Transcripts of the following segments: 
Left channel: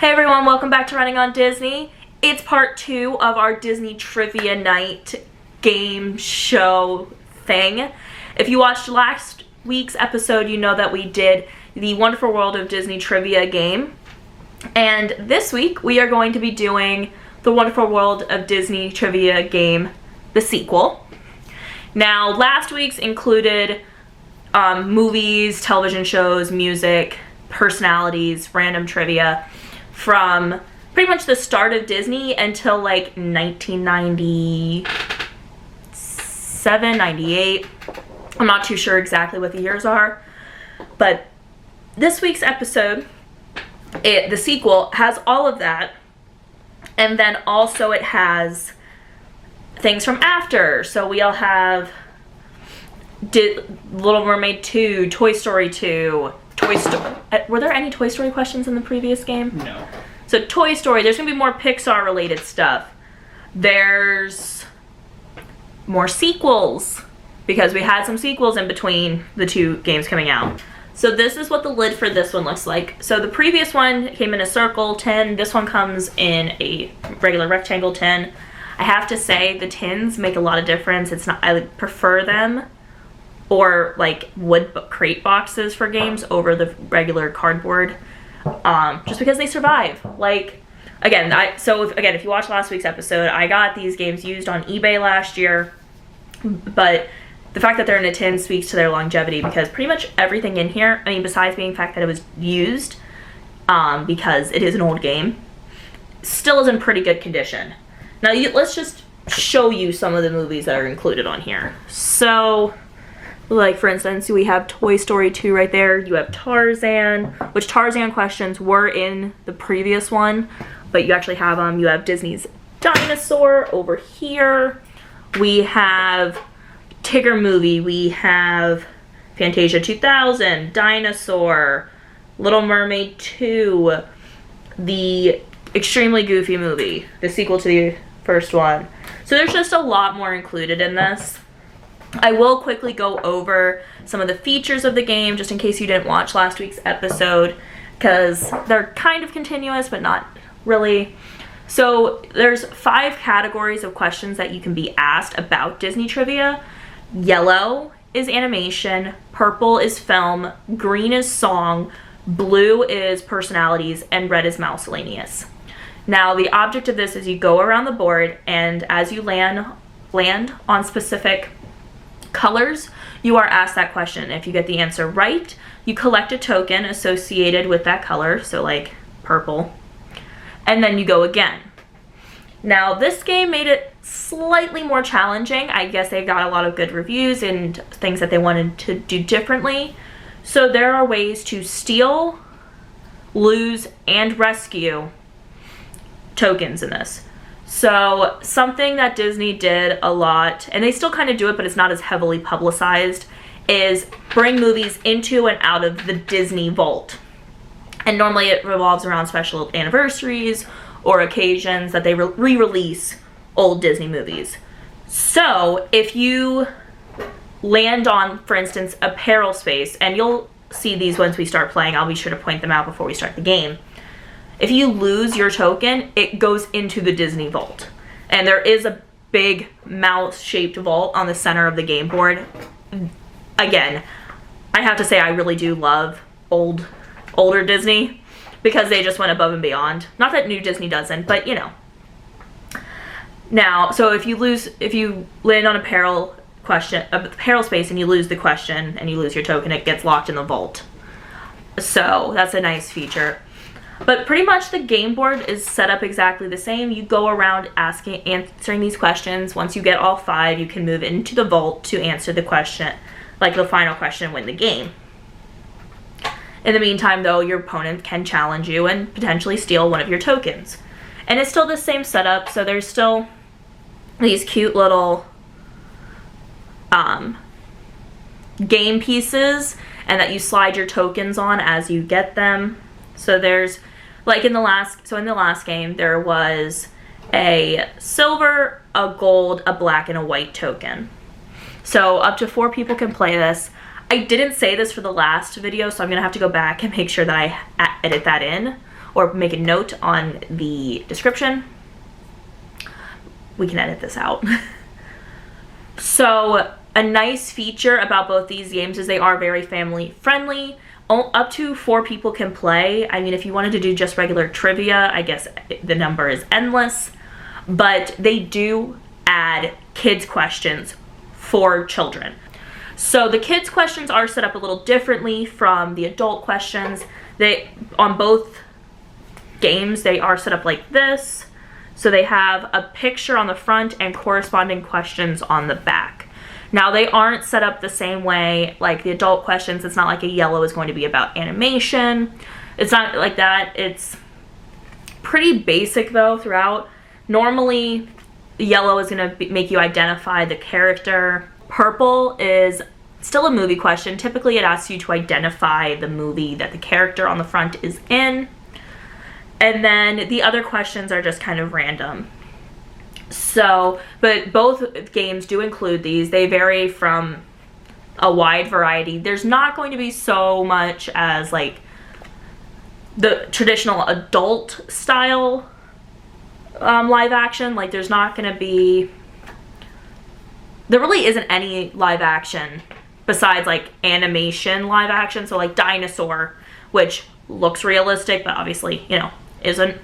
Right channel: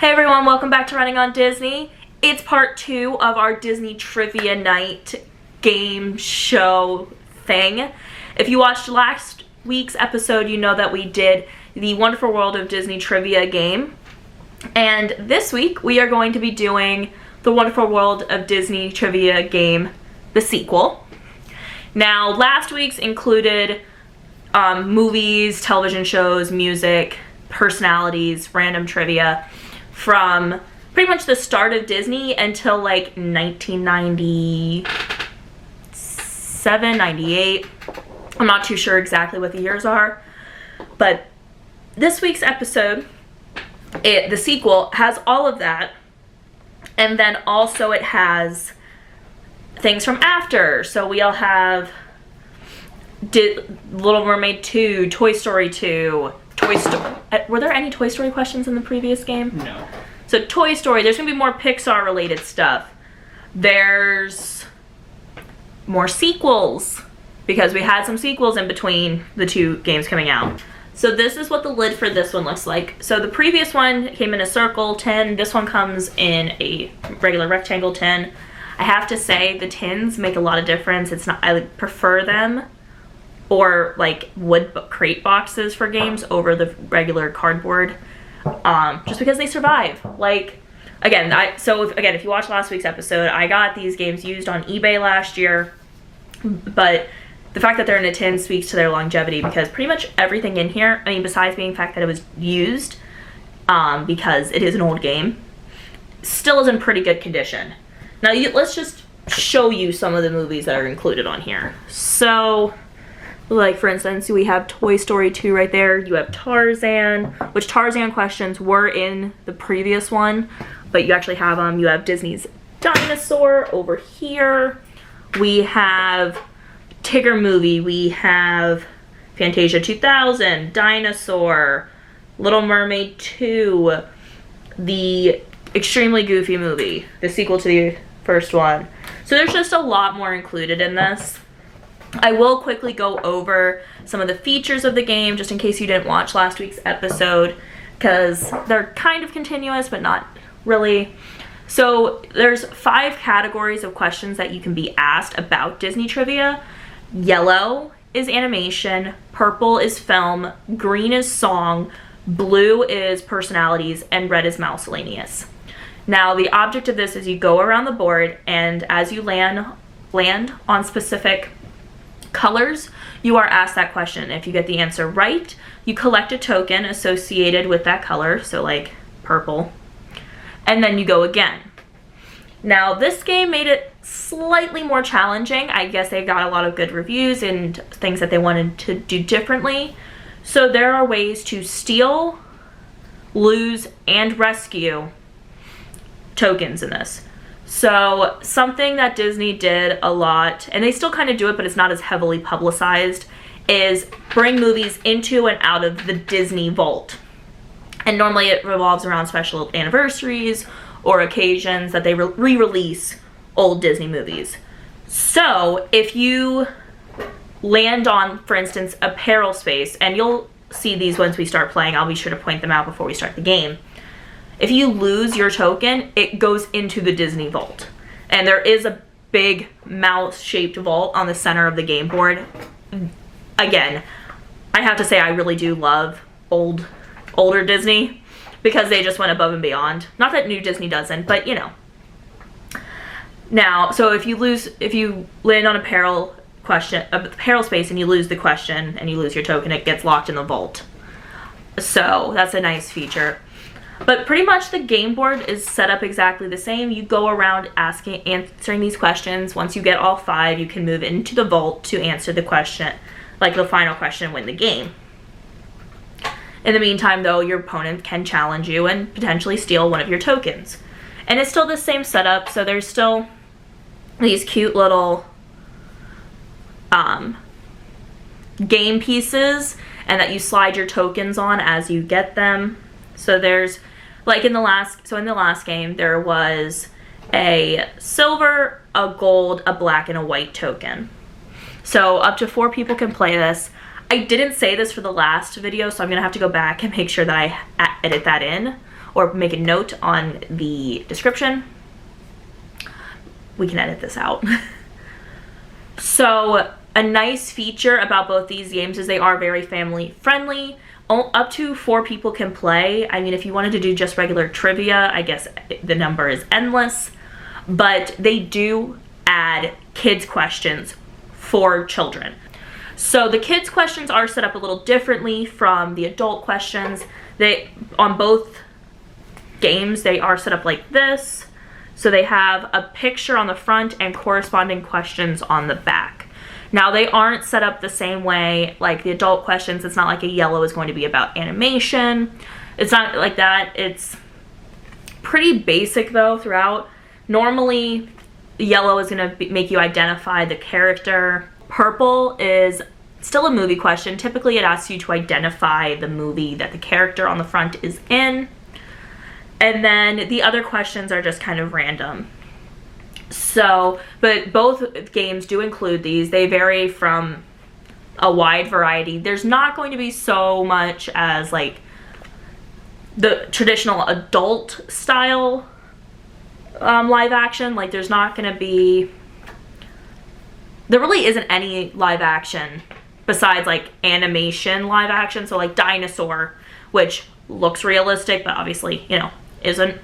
Hey everyone, welcome back to Running on Disney. It's part 2 of our Disney Trivia Night game show thing. If you watched last week's episode, you know that we did the Wonderful World of Disney Trivia game. And this week, we are going to be doing the Wonderful World of Disney Trivia game, the sequel. Now, last week's included movies, television shows, music, personalities, random trivia from pretty much the start of Disney until like 1997, 98. I'm not too sure exactly what the years are, but this week's episode, the sequel, has all of that, and then also it has things from after. So we'll have Little Mermaid 2, Toy Story 2, Toy Story. Were there any Toy Story questions in the previous game? No. So Toy Story, there's gonna be more Pixar related stuff. There's more sequels, because we had some sequels in between the two games coming out. So this is what the lid for this one looks like. So the previous one came in a circle tin. This one comes in a regular rectangle tin. I have to say the tins make a lot of difference. I prefer them, or like wood crate boxes for games, over the regular cardboard, just because they survive. Like, again, if you watch last week's episode, I got these games used on eBay last year, but the fact that they're in a tin speaks to their longevity, because pretty much everything in here, I mean, besides being the fact that it was used, because it is an old game, still is in pretty good condition. Now, let's just show you some of the movies that are included on here. So, like, for instance, we have Toy Story 2 right there. You have Tarzan, which Tarzan questions were in the previous one, but you actually have them. You have Disney's Dinosaur over here. We have Tigger movie. We have Fantasia 2000, Dinosaur, Little Mermaid 2, the Extremely Goofy movie, the sequel to the first one. So there's just a lot more included in this. I will quickly go over some of the features of the game, just in case you didn't watch last week's episode, because they're kind of continuous, but not really. So there's 5 categories of questions that you can be asked about Disney trivia. Yellow is animation, purple is film, green is song, blue is personalities, and red is miscellaneous. Now, the object of this is you go around the board, and as you land on specific colors, you are asked that question. If you get the answer right, you collect a token associated with that color, so like purple, and then you go again. Now, this game made it slightly more challenging. I guess they got a lot of good reviews and things that they wanted to do differently. So there are ways to steal, lose, and rescue tokens in this. So something that Disney did a lot, and they still kind of do it, but it's not as heavily publicized, is bring movies into and out of the Disney vault. And normally it revolves around special anniversaries or occasions that they re-release old Disney movies. So if you land on, for instance, a peril space, and you'll see these once we start playing, I'll be sure to point them out before we start the game. If you lose your token, it goes into the Disney vault. And there is a big mouse-shaped vault on the center of the game board. Again, I have to say I really do love older Disney, because they just went above and beyond. Not that new Disney doesn't, but you know. Now, so if you land on a peril space and you lose the question and you lose your token, it gets locked in the vault. So that's a nice feature. But pretty much the game board is set up exactly the same. You go around answering these questions. Once you get all 5, you can move into the vault to answer the question, like the final question, and win the game. In the meantime, though, your opponent can challenge you and potentially steal one of your tokens. And it's still the same setup, so there's still these cute little game pieces, and that you slide your tokens on as you get them. So there's, like in the last game, there was a silver, a gold, a black, and a white token. So up to 4 people can play this. I didn't say this for the last video, so I'm gonna have to go back and make sure that I edit that in. or make a note on the description. We can edit this out. So a nice feature about both these games is they are very family friendly. Up to 4 people can play. I mean, if you wanted to do just regular trivia, I guess the number is endless. But they do add kids questions for children. So the kids questions are set up a little differently from the adult questions. On both games, they are set up like this. So they have a picture on the front and corresponding questions on the back. Now, they aren't set up the same way like the adult questions. It's not like a yellow is going to be about animation. It's not like that. It's pretty basic, though, throughout. Normally, yellow is going to make you identify the character. Purple is still a movie question. Typically, it asks you to identify the movie that the character on the front is in. And then the other questions are just kind of random. So, but both games do include these. They vary from a wide variety. There's not going to be so much as like the traditional adult style live action. Like there's not going to be, there really isn't any live action besides like animation live action. So like Dinosaur, which looks realistic, but obviously, you know, isn't.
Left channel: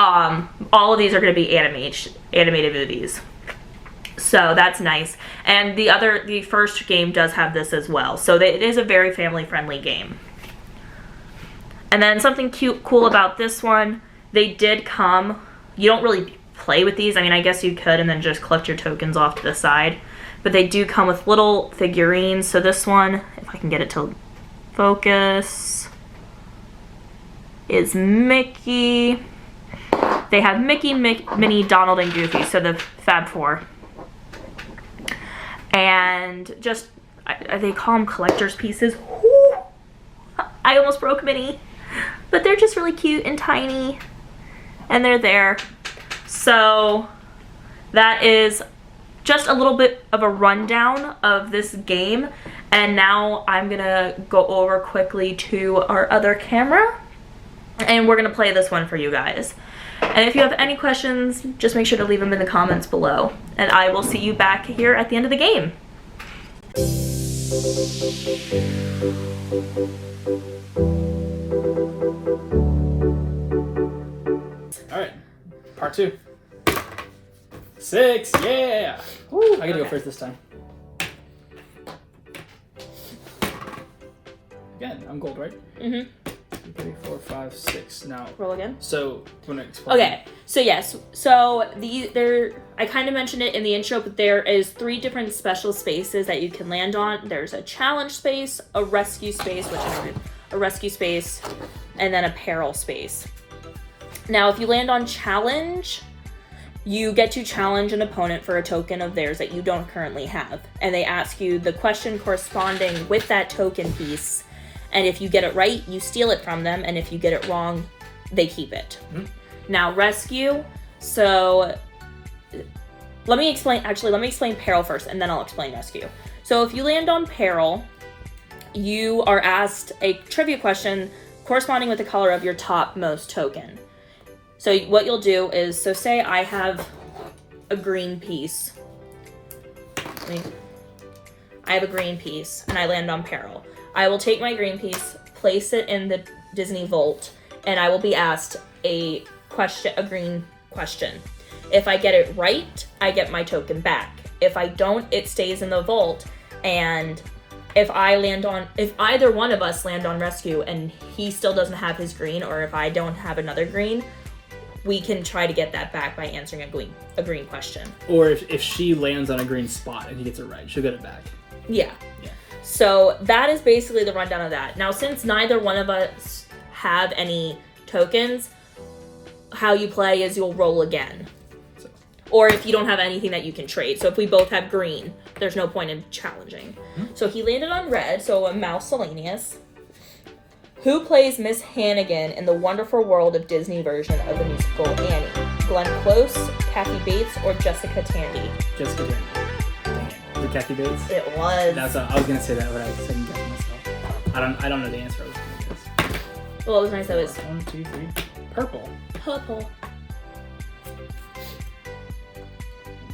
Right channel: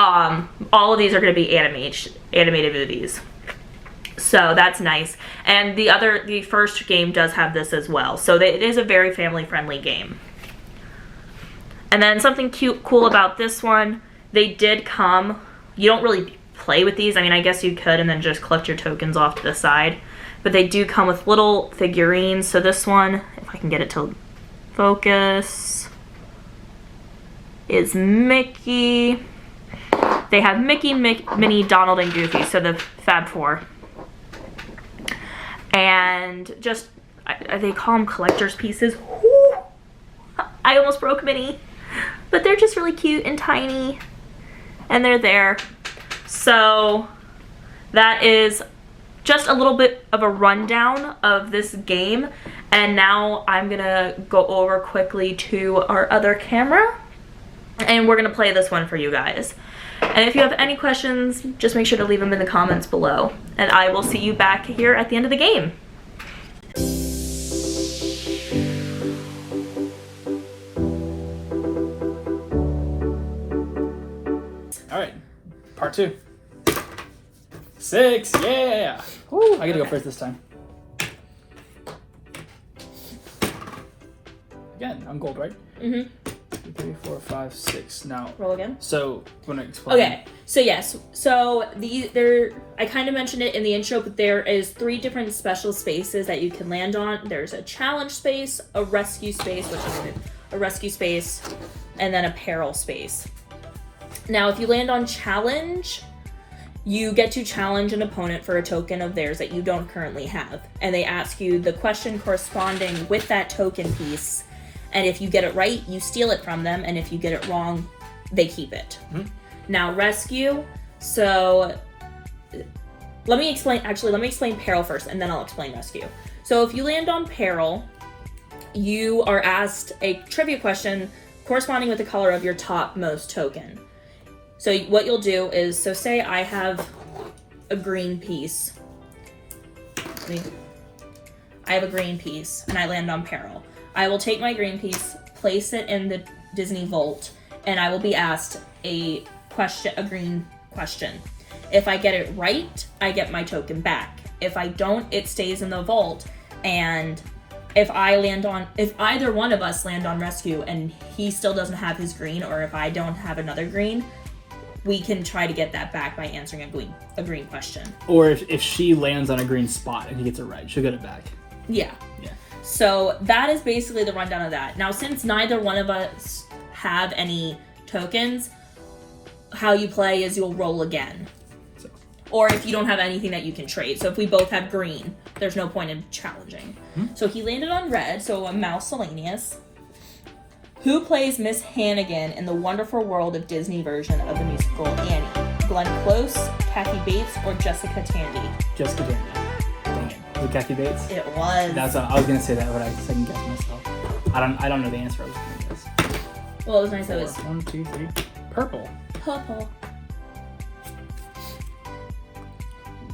All of these are going to be animated movies. So that's nice. And the first game does have this as well. So it is a very family-friendly game. And then something cool about this one, they did come, you don't really play with these. I mean, I guess you could and then just collect your tokens off to the side. But they do come with little figurines. So this one, if I can get it to focus, is Mickey. They have Mickey, Minnie, Donald, and Goofy, so the Fab Four. And just, they call them collector's pieces. Woo! I almost broke Minnie. But they're just really cute and tiny. And they're there. So that is just a little bit of a rundown of this game. And now I'm going to go over quickly to our other camera. And we're going to play this one for you guys. And if you have any questions, just make sure to leave them in the comments below. And I will see you back here at the end of the game. All right, part 2. 6, yeah! Woo, I gotta go first this time. Again, I'm gold, right? Mm-hmm. 3, 4, 5, 6. Now Roll again. So want to explain? Okay. So yes. So I kind of mentioned it in the intro, but there is 3 different special spaces that you can land on. There's a challenge space, a rescue space, and then a peril space. Now, if you land on challenge, you get to challenge an opponent for a token of theirs that you don't currently have, and they ask you the question corresponding with that token piece. And if you get it right, you steal it from them. And if you get it wrong, they keep it. Mm-hmm. Now, rescue. So let me explain peril first, and then I'll explain rescue. So if you land on peril, you are asked a trivia question corresponding with the color of your topmost token. So what you'll do is, so say I have a green piece. I have a green piece, and I land on peril. I will take my green piece, place it in the Disney Vault, and I will be asked a green question. If I get it right, I get my token back. If I don't, it stays in the vault. And if either one of us land on rescue and he still doesn't have his green, or if I don't have another green, we can try to get that back by answering a green question. Or if she lands on a green spot and he gets it right, she'll get it back. Yeah. So that is basically the rundown of that. Now, since neither one of us have any tokens, how you play is you'll roll again. Or if you don't have anything that you can trade. So if we both have green, there's no point in challenging. Mm-hmm. So he landed on red, so a miscellaneous. Who plays Miss Hannigan in the Wonderful World of Disney version of the musical Annie? Glenn Close, Kathy Bates, or Jessica Tandy? Jessica Tandy. With Kathy Bates? It was. I was gonna say that, but I couldn't guess myself. I don't know the answer. I was gonna guess. Well, it was nice that it was 1, 2, 3. Purple. purple.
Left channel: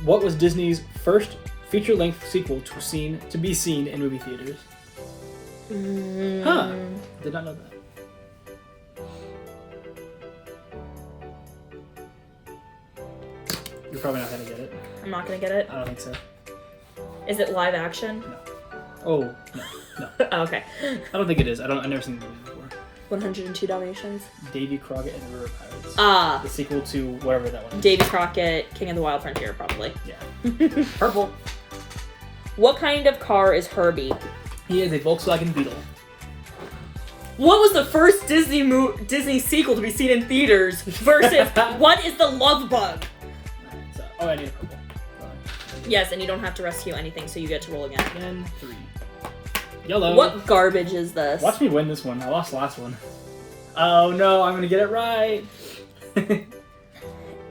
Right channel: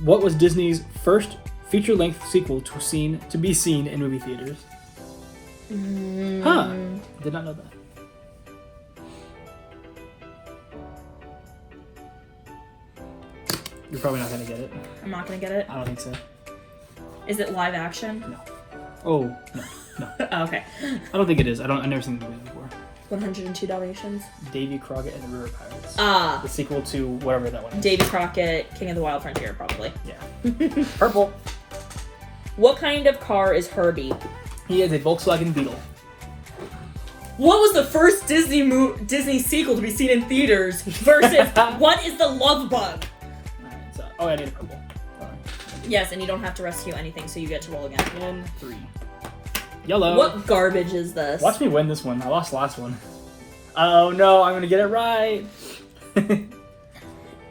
What was Disney's first feature-length sequel to be seen in movie theaters? Huh. Did not know that. You're probably not gonna get it. I'm not gonna get it. I don't think so. Is it live action? No. Oh, no. Oh, okay. I don't think it is. I've never seen the movie before. 102 Dalmatians. Davy Crockett and the River Pirates. Ah. The sequel to whatever that one is. Davy Crockett, King of the Wild Frontier, probably. Yeah. Purple. What kind of car is Herbie? He is a Volkswagen Beetle. What was the first Disney sequel to be seen in theaters versus what is the Love Bug? Oh, I need purple. Yes, and you don't have to rescue anything, so you get to roll again. And 3. Yellow. What garbage is this? Watch me win this one. I lost last one. Oh no, I'm gonna get it right.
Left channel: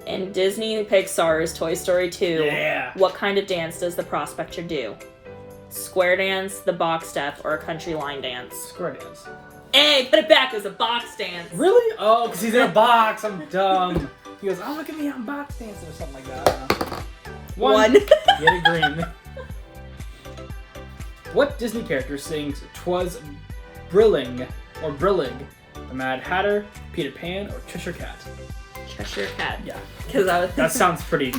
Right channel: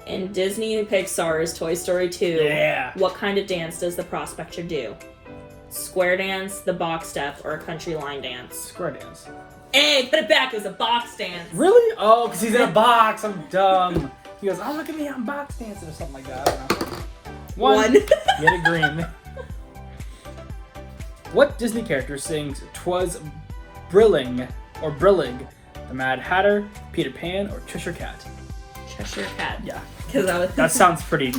In Disney Pixar's Toy Story 2, Yeah. what kind of dance does the prospector do? Square dance, the box step, or a country line dance? Square dance. Hey, put it back, it was a box dance. Really? Oh, because he's in a box. I'm dumb. He goes, oh, look at me, I'm box dancing or something like that. I don't know. One. Get a green. What Disney character sings "'Twas Brilling" or "Brillig"? The Mad Hatter, Peter Pan, or Cheshire Cat? Cheshire Cat. Yeah. Because I was. That sounds pretty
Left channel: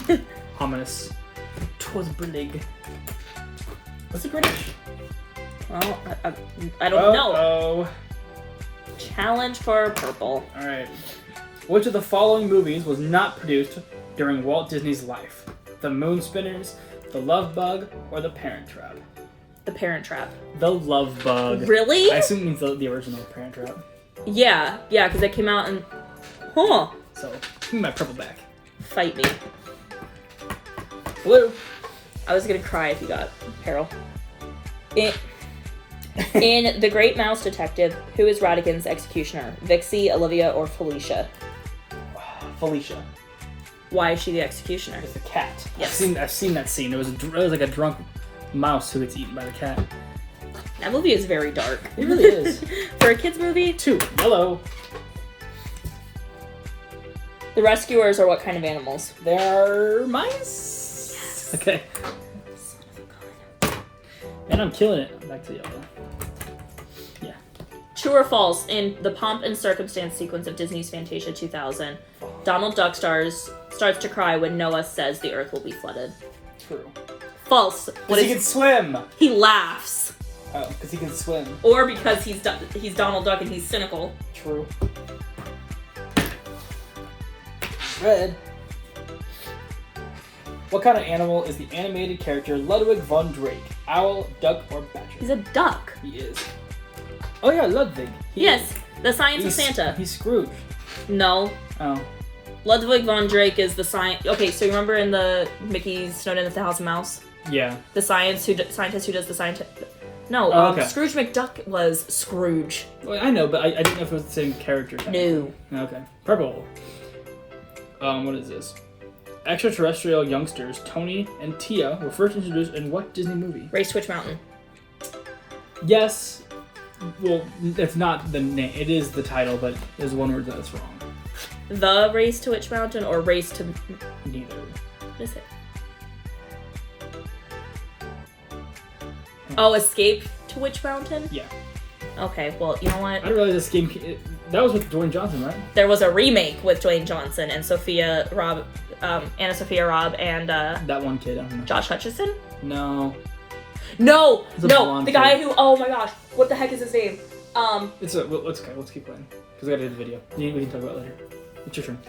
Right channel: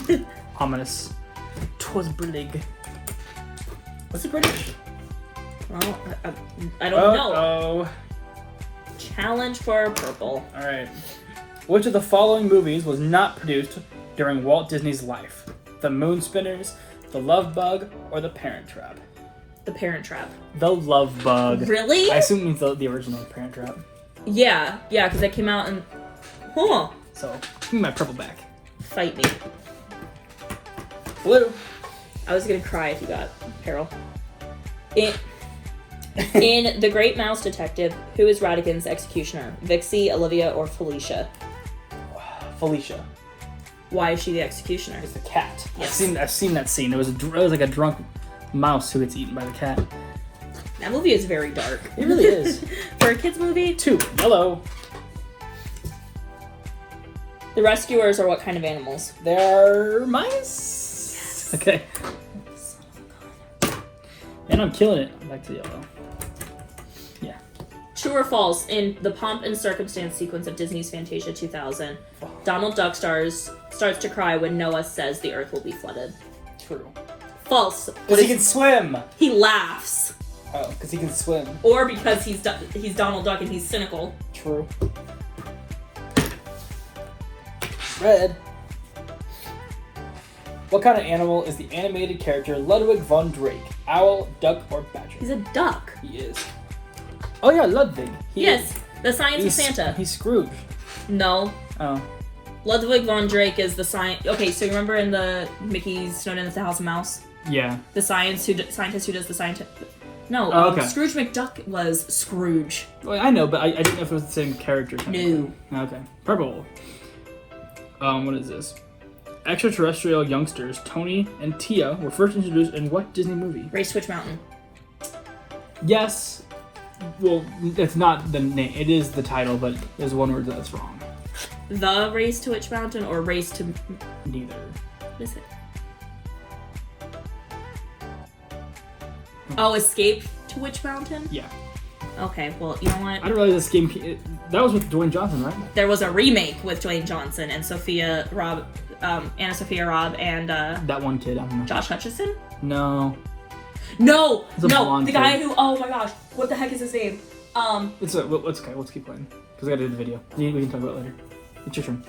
ominous. "'Twas brillig." Is he British? Well, I don't know. Oh. Challenge for purple. All right. Which of the following movies was not produced during Walt Disney's life? The Moon Spinners, The Love Bug, or The Parent Trap? The Parent Trap. The Love Bug. Really? I assume it means the original Parent Trap. Yeah, because that came out in. Huh. So, give me my purple back. Fight me. Blue. I was gonna cry if you got Carol. In The Great Mouse Detective, who is Ratigan's executioner? Vixie, Olivia, or Felicia? Felicia. Why is she the executioner? It's the cat. Yes. I've seen that scene. It was like a drunk mouse who gets eaten by the cat. That movie is very dark. It really is. For a kid's movie? 2. Yellow. The rescuers are what kind of animals? They're mice. Yes. Okay. And I'm killing it. I'm back to yellow. Yeah. True or false? In the pomp and circumstance sequence of Disney's Fantasia 2000, Donald Duck starts to cry when Noah says the earth will be flooded. True. False. Because he can swim. He laughs. Oh, because he can swim. Or because he's Donald Duck and he's cynical. True. Red. What kind of animal is the animated character Ludwig von Drake? Owl, duck, or badger? He's a duck. He is. Oh yeah, Ludwig. Yes, the Science of Santa. He's Scrooge. No. Oh. Ludwig von Drake is the science. Okay, so you remember in the Mickey Snowden at the House of Mouse? Yeah. The scientist who does the scientist. No, okay. Scrooge McDuck was Scrooge. Well, I know, but I didn't know if it was the same character. No. Okay. Purple. What is this? Extraterrestrial youngsters Tony and Tia were first introduced in what Disney movie? Race to Witch Mountain. Yes. Well, it's not the name. It is the title, but there's one word that's wrong. The Race to Witch Mountain or Race to... Neither. What is it? Oh, Escape to Witch Mountain? Yeah. Okay, well, you know what? I didn't realize this game... That was with Dwayne Johnson, right? There was a remake with Dwayne Johnson and Anna Sophia Robb and That one kid, I don't know. Josh Hutcherson? No. No! It's a No! blonde The guy kid. who... Oh my gosh. What the heck is his name? It's okay. Let's keep playing. Because I gotta do the video. We can talk about it later. It's your turn.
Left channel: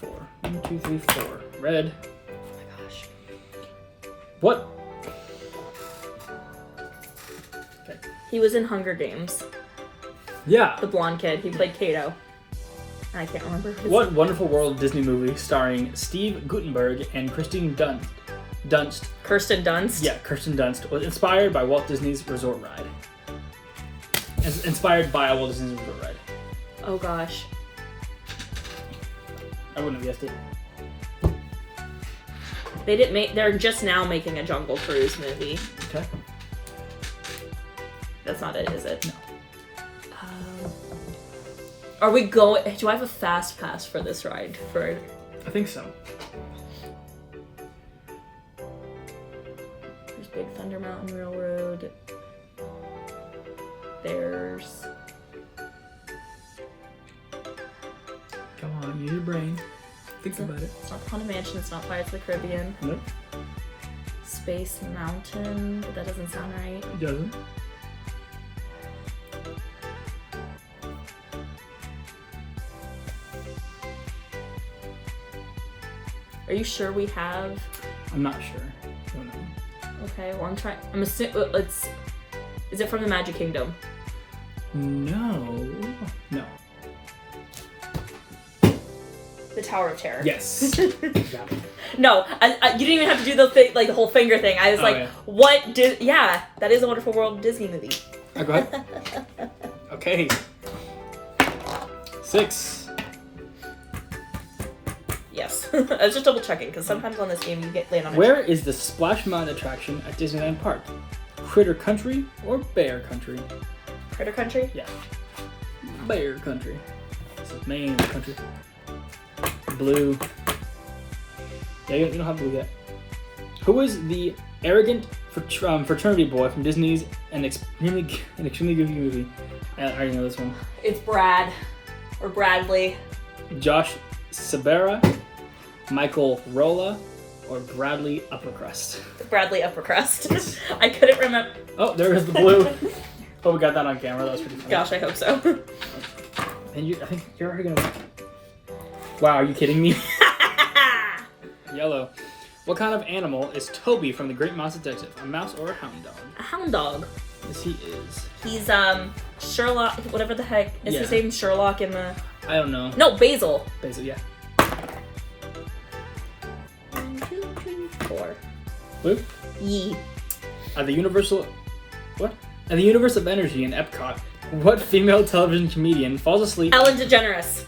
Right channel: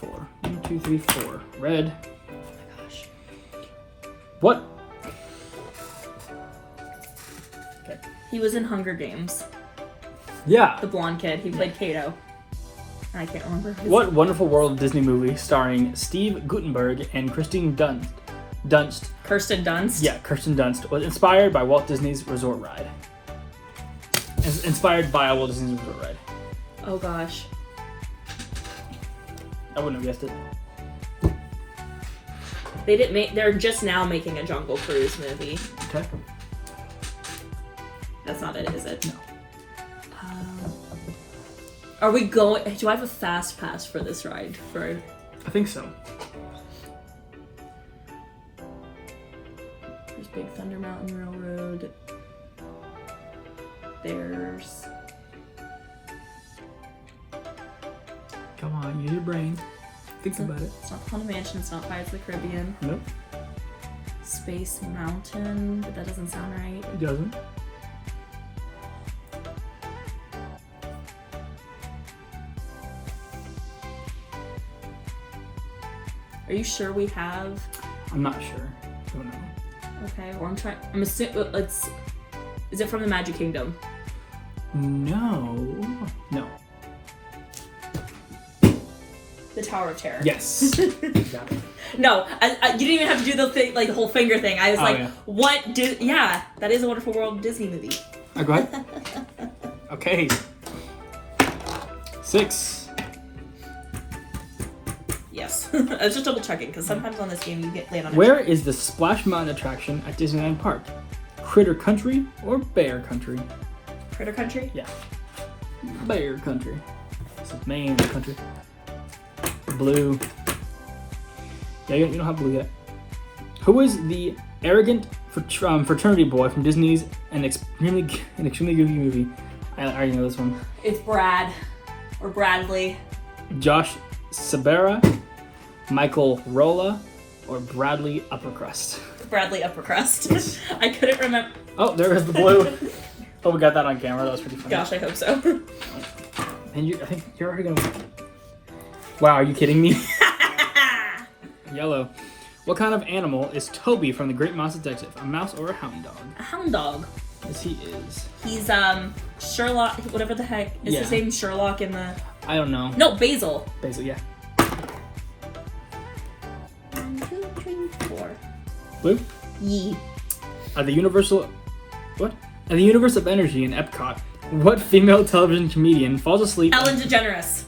4. 1, 2, 3, 4. Red. Oh my gosh. What? Okay. He was in Hunger Games. Yeah. The blonde kid. He played Kato. I can't remember his What Wonderful World Disney movie starring Steve Guttenberg and Kristen Dunst? Kirsten Dunst? Yeah, Kirsten Dunst was inspired by Walt Disney's Resort Ride. Inspired by Walt Disney's Resort Ride. Oh gosh. I wouldn't have guessed it. They didn't make. They're just now making a Jungle Cruise movie. Okay. That's not it, is it? No. Are we going? Do I have a fast pass for this ride? I think so. There's Big Thunder Mountain Railroad. There's. Come on, use your brain. Think about it. It's not Haunted Mansion. It's not Pirates of the Caribbean. Nope. Space Mountain. But that doesn't sound right. It doesn't. Are you sure we have? I'm not sure. I don't know. Okay, well I'm trying. I'm assuming. Let's. Is it from the Magic Kingdom? No. The Tower of Terror. Yes. Got it. No, you didn't even have to do the thing, like the whole finger thing. I was like, yeah. what? Yeah, that is a Wonderful World Disney movie. Oh, go ahead. Okay. 6. Yes. I was just double checking because sometimes on this game you get land on. Where is the Splash Mountain attraction at Disneyland Park? Critter Country or Bear Country? Critter Country? Yeah. Bear Country. This is Maine Country. Blue. Yeah, you don't have blue yet. Who is the arrogant fraternity boy from Disney's an extremely good movie? I already know this one. It's Brad. Or Bradley. Josh Sabera, Michael Rolla, or Bradley Uppercrust? Bradley Uppercrust. I couldn't remember. Oh, there is the blue. Oh, we got that on camera. That was pretty funny. Gosh, I hope so. And I think you're already gonna. Wow, are you kidding me? Yellow. What kind of animal is Toby from The Great Mouse Detective? A mouse or a hound dog? A hound dog. Yes, he is. He's Sherlock. Whatever the heck is Yeah. his name? Sherlock in the. I don't know. No, Basil. Basil, yeah. 1, 2, 3, 4. Blue? Yee. The universal. What? In the universe of energy in Epcot, what female television comedian falls asleep? Ellen DeGeneres.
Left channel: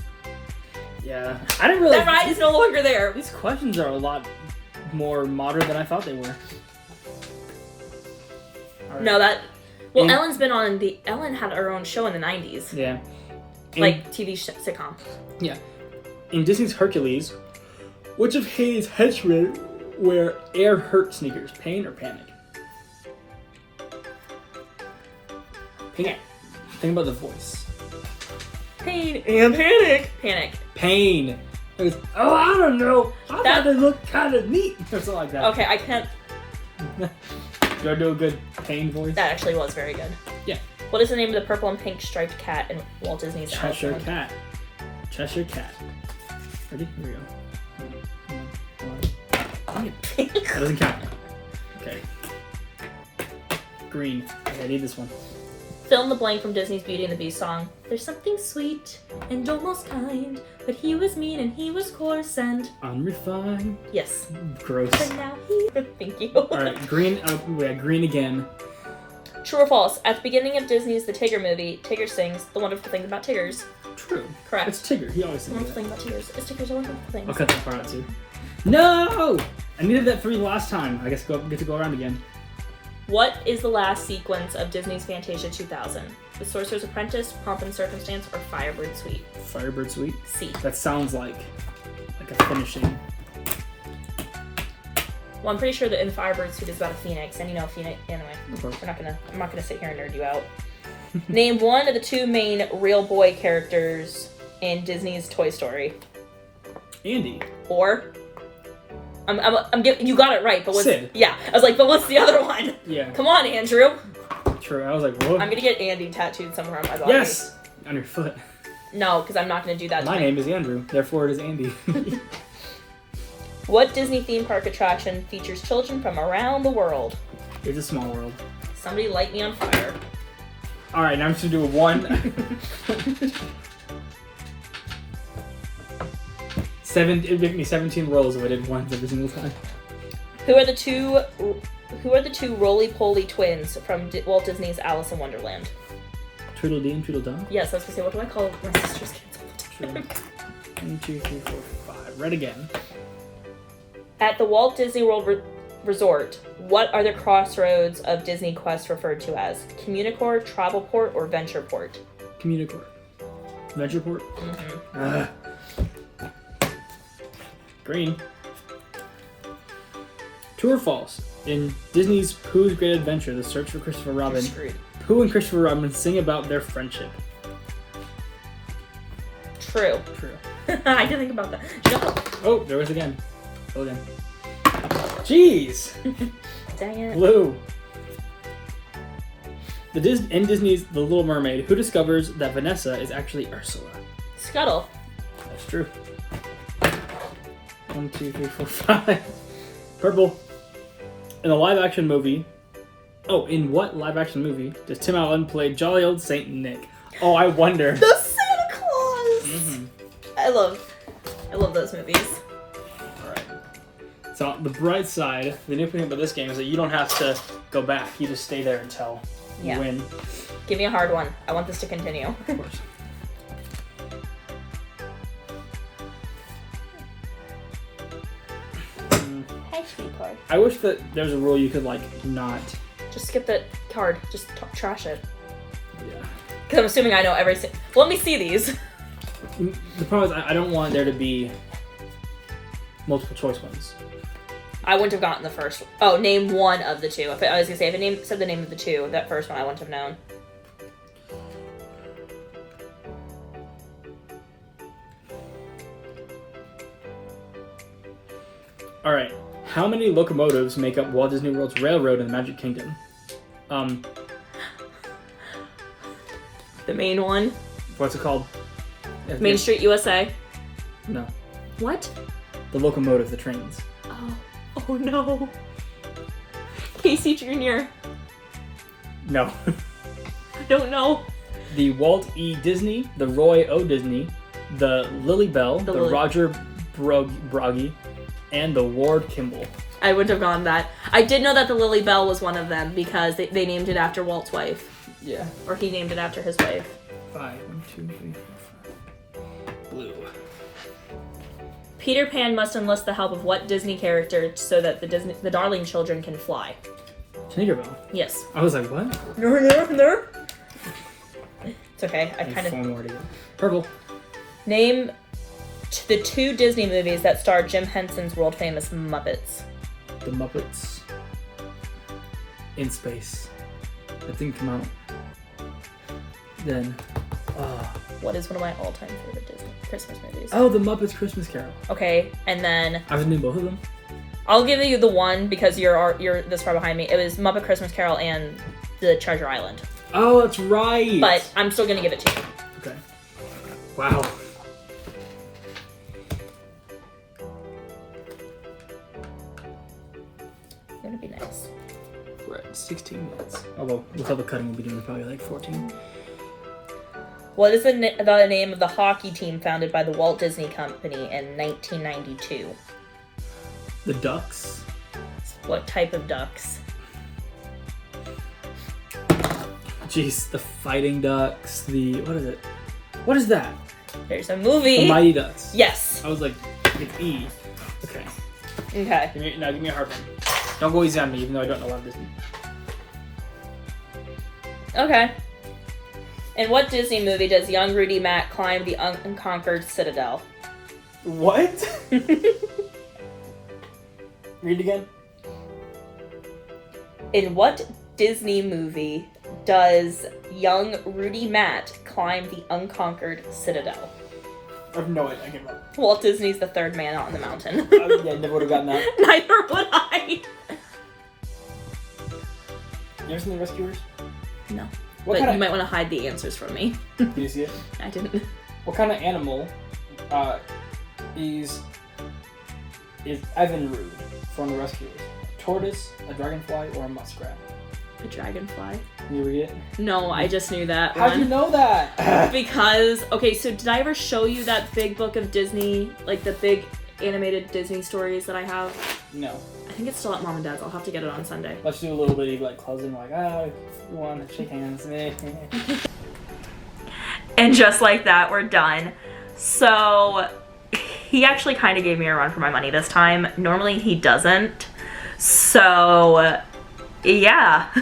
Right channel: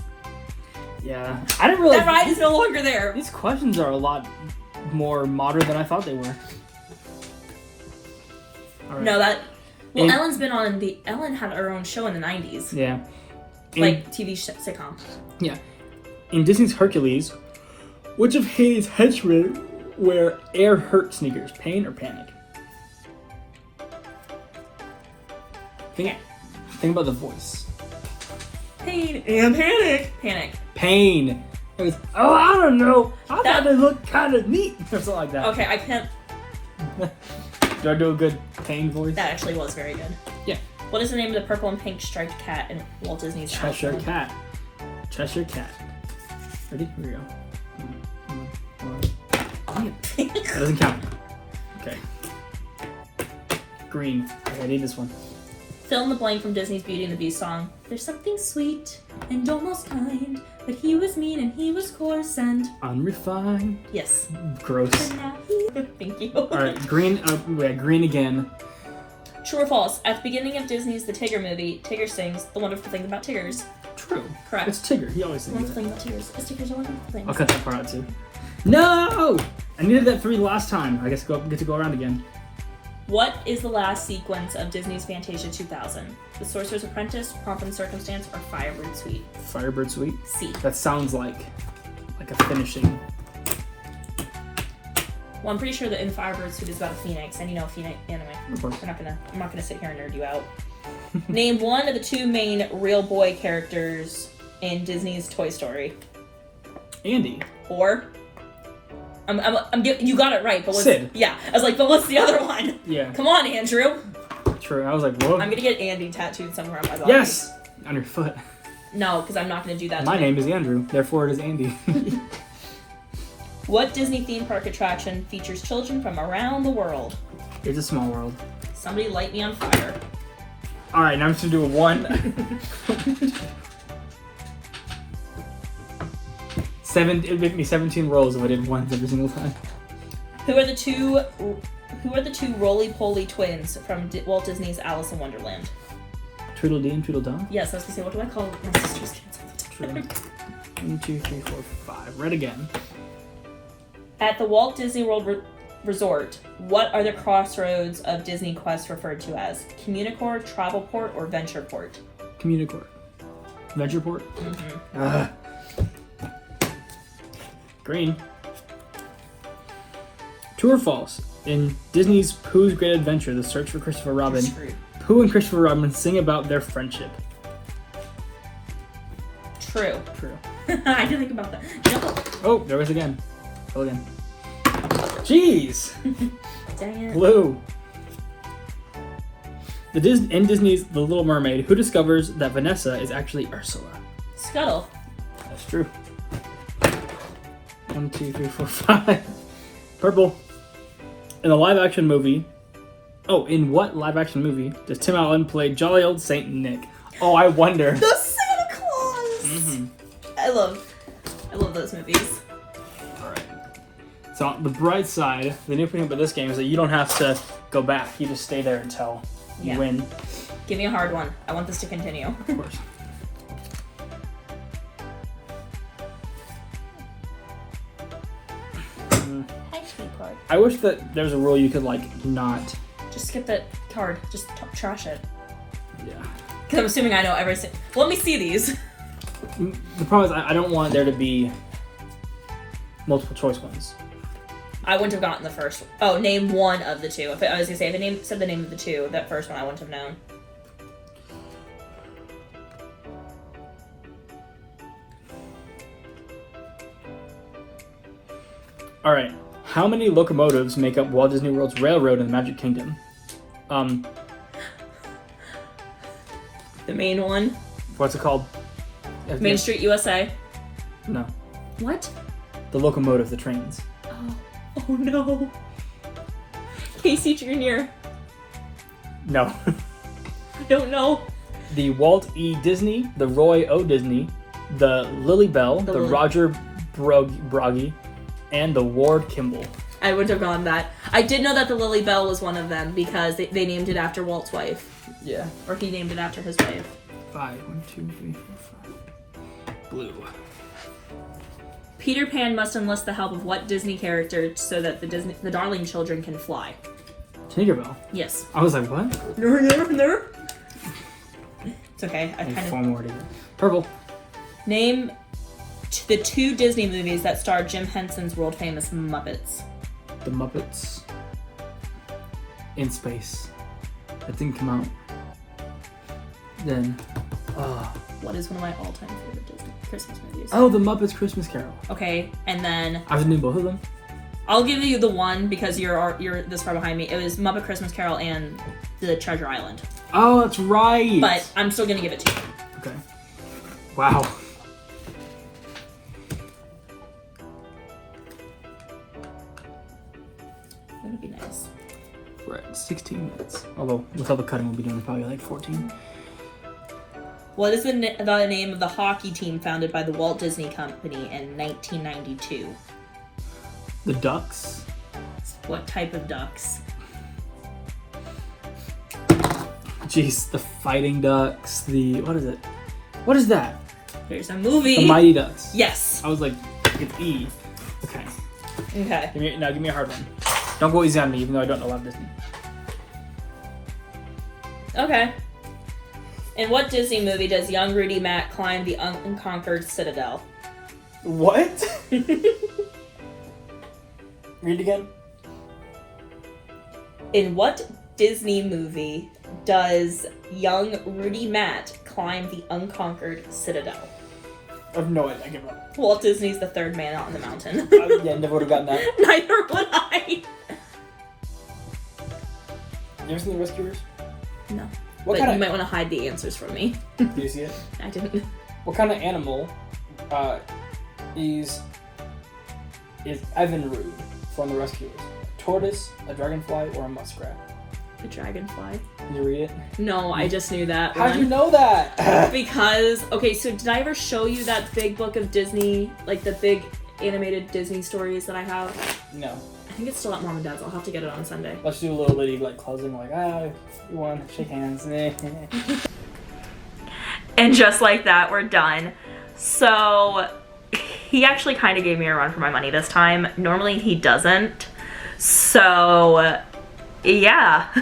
Yeah. I didn't realize. That ride is no longer there. These questions are a lot more modern than I thought they were. Right. No, that. Well, In- Ellen's been on the. Ellen had her own show in the 90s. Yeah. Like TV sitcom. Yeah. In Disney's Hercules, which of Hades' henchmen wear air hurt sneakers? Pain or panic? Panic. Think about the voice. Pain and panic. Panic. Pain. It goes, oh, I don't know. I thought they looked kind of neat. Or something like that. Okay, I can't. Do I do a good pain voice? That actually was very good. Yeah. What is the name of the purple and pink striped cat in Walt Disney's Cheshire Alice? Cat. Cheshire Cat. Ready? Here we go. That doesn't count. Okay. Green. Okay, I need this one. Fill in the blank from Disney's Beauty and the Beast song. There's something sweet and almost kind, but he was mean and he was coarse and... Unrefined. Yes. Gross. But now he... Thank you. Alright, green. Green again. True or false? At the beginning of Disney's The Tigger movie, Tigger sings The Wonderful Thing About Tiggers. True. Correct. It's Tigger. He always The sings Wonderful that. Thing About Tiggers. Is Tiggers a wonderful thing? I'll cut that part out too. No! I needed that 3 last time. I guess get to go around again. What is the last sequence of Disney's Fantasia 2000? The Sorcerer's Apprentice, Pomp and Circumstance, or Firebird Suite? Firebird Suite. C. That sounds like a finishing. Well, I'm pretty sure that in Firebird Suite is about a phoenix, and you know Phoenix. Anyway, Of course. I'm not gonna sit here and nerd you out. Name one of the 2 main real boy characters in Disney's Toy Story. Andy. Or, I'm getting, you got it right, but what's Sid. Yeah, I was like, but what's the other one? Yeah. Come on, Andrew. True. I was like, what? I'm gonna get Andy tattooed somewhere on my body. Yes. On your foot. No, because I'm not gonna do that. My name is Andrew. Therefore, it is Andy. What Disney theme park attraction features children from around the world? It's a small world. Somebody light me on fire. All right, now I'm just gonna do a 1. 7. It'd make me 17 rolls if I did 1 every single time. Who are the two roly-poly twins from Walt Disney's Alice in Wonderland? Tweedledee and Tweedledum. Yes, I was gonna say, what do I call my sister's kids all the True. time? 1, 2, 3, 4, 5. Red again. At the Walt Disney World Resort, what are the crossroads of Disney Quest referred to as? Communicore, Travelport, or Ventureport? Communicore. Ventureport. Green. True or false? In Disney's Pooh's Great Adventure, The Search for Christopher Robin, Pooh and Christopher Robin sing about their friendship. True. True. I didn't think about that. No. Oh, there it is again. Go again. Jeez! Dang it. Blue. In Disney's The Little Mermaid, who discovers that Vanessa is actually Ursula? Scuttle. That's true. 1, 2, 3, 4, 5. Purple. In the live-action movie... Oh, in what live-action movie does Tim Allen play jolly old Saint Nick? Oh, I wonder. The Santa Claus! Mm-hmm. I love those movies. Alright. So, the bright side, the new thing about this game is that you don't have to go back. You just stay there until you win. Give me a hard one. I want this to continue. Of course. Hi, sweetheart. I wish that there's a rule you could, like, not... Just skip that card. Just trash it. Yeah. Because I'm assuming I know every Let me see these. The problem is I don't want there to be multiple choice ones. I wouldn't have gotten the first one. Oh, name one of the two. If I was going to say, if it said the name of the two, that first one I wouldn't have known. Alright. How many locomotives make up Walt Disney World's railroad in the Magic Kingdom? The main one. What's it called? Main Street USA. No. What? The locomotive, the trains. Oh no. Casey Jr. No. I don't know. The Walt E. Disney, the Roy O. Disney, the Lily Bell, the Roger Broggie, and the Ward Kimball. I wouldn't have gone that. I did know that the Lily Bell was one of them because they named it after Walt's wife. Yeah. Or he named it after his wife. 5. 1, 2, 3, 4, 5. Blue. Peter Pan must enlist the help of what Disney character so that the darling children can fly? Tinkerbell. Yes. I was like, what? No. It's okay. I kind of... 4 more to go. Purple. Name the 2 Disney movies that star Jim Henson's world-famous Muppets. The Muppets. In Space. That didn't come out. Then... What is one of my all-time favorite Disney Christmas movies? Oh, The Muppets Christmas Carol. Okay, and then... I've seen both of them. I'll give you the one because you're this far behind me. It was Muppet Christmas Carol and The Treasure Island. Oh, that's right. But I'm still gonna give it to you. Okay. Wow. Gonna be nice. We're at 16 minutes. Although, with all the cutting, we'll be doing probably like 14. What is the name of the hockey team founded by the Walt Disney Company in 1992? The Ducks. What type of ducks? Jeez, the Fighting Ducks, what is it? What is that? There's a movie. The Mighty Ducks. Yes. I was like E. Okay. Okay. Give me a hard one. Don't go easy on me, even though I don't know about Disney. Okay. In what Disney movie does young Rudy Mack climb the unconquered citadel? What? Read again. In what Disney movie does young Rudy Matt climb the unconquered citadel? I have no idea. I give up. Walt Disney's the third man out on the mountain. Yeah, I never would have gotten that. Neither would I. You ever seen The Rescuers? No. But you might want to hide the answers from me. Did you see it? I didn't. What kind of animal is Evinrude from The Rescuers? A tortoise, a dragonfly, or a muskrat? A dragonfly. Can you read it? No, I just knew that How'd one. you know that? Because, okay, so did I ever show you that big book of Disney, like the big animated Disney stories that I have? No. I think it's still at Mom and Dad's. I'll have to get it on Sunday. Let's do a little bitty like closing, like we won, shake hands. And just like that, we're done. So he actually kind of gave me a run for my money this time. Normally he doesn't. So yeah.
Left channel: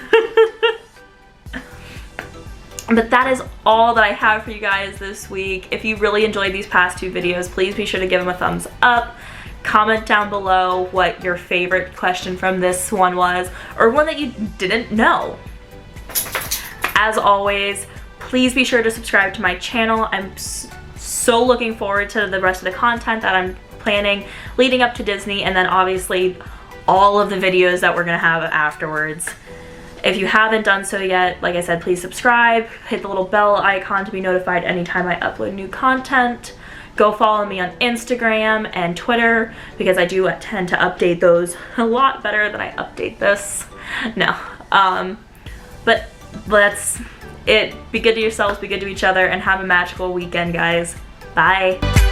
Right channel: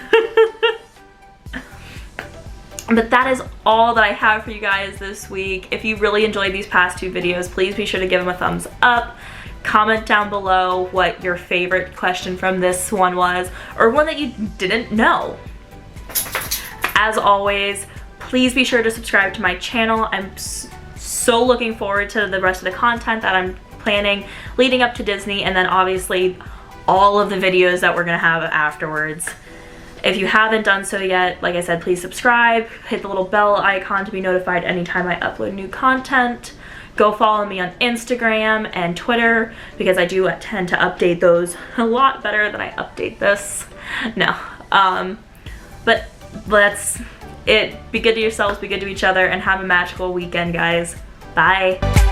But that is all that I have for you guys this week. If you really enjoyed these past 2 videos, please be sure to give them a thumbs up. Comment down below what your favorite question from this one was, or one that you didn't know. As always, please be sure to subscribe to my channel. I'm so looking forward to the rest of the content that I'm planning leading up to Disney, and then obviously all of the videos that we're gonna have afterwards. If you haven't done so yet, like I said, please subscribe, hit the little bell icon to be notified anytime I upload new content. Go follow me on Instagram and Twitter, because I do tend to update those a lot better than I update this. No, but that's it. Be good to yourselves, be good to each other, and have a magical weekend, guys. Bye.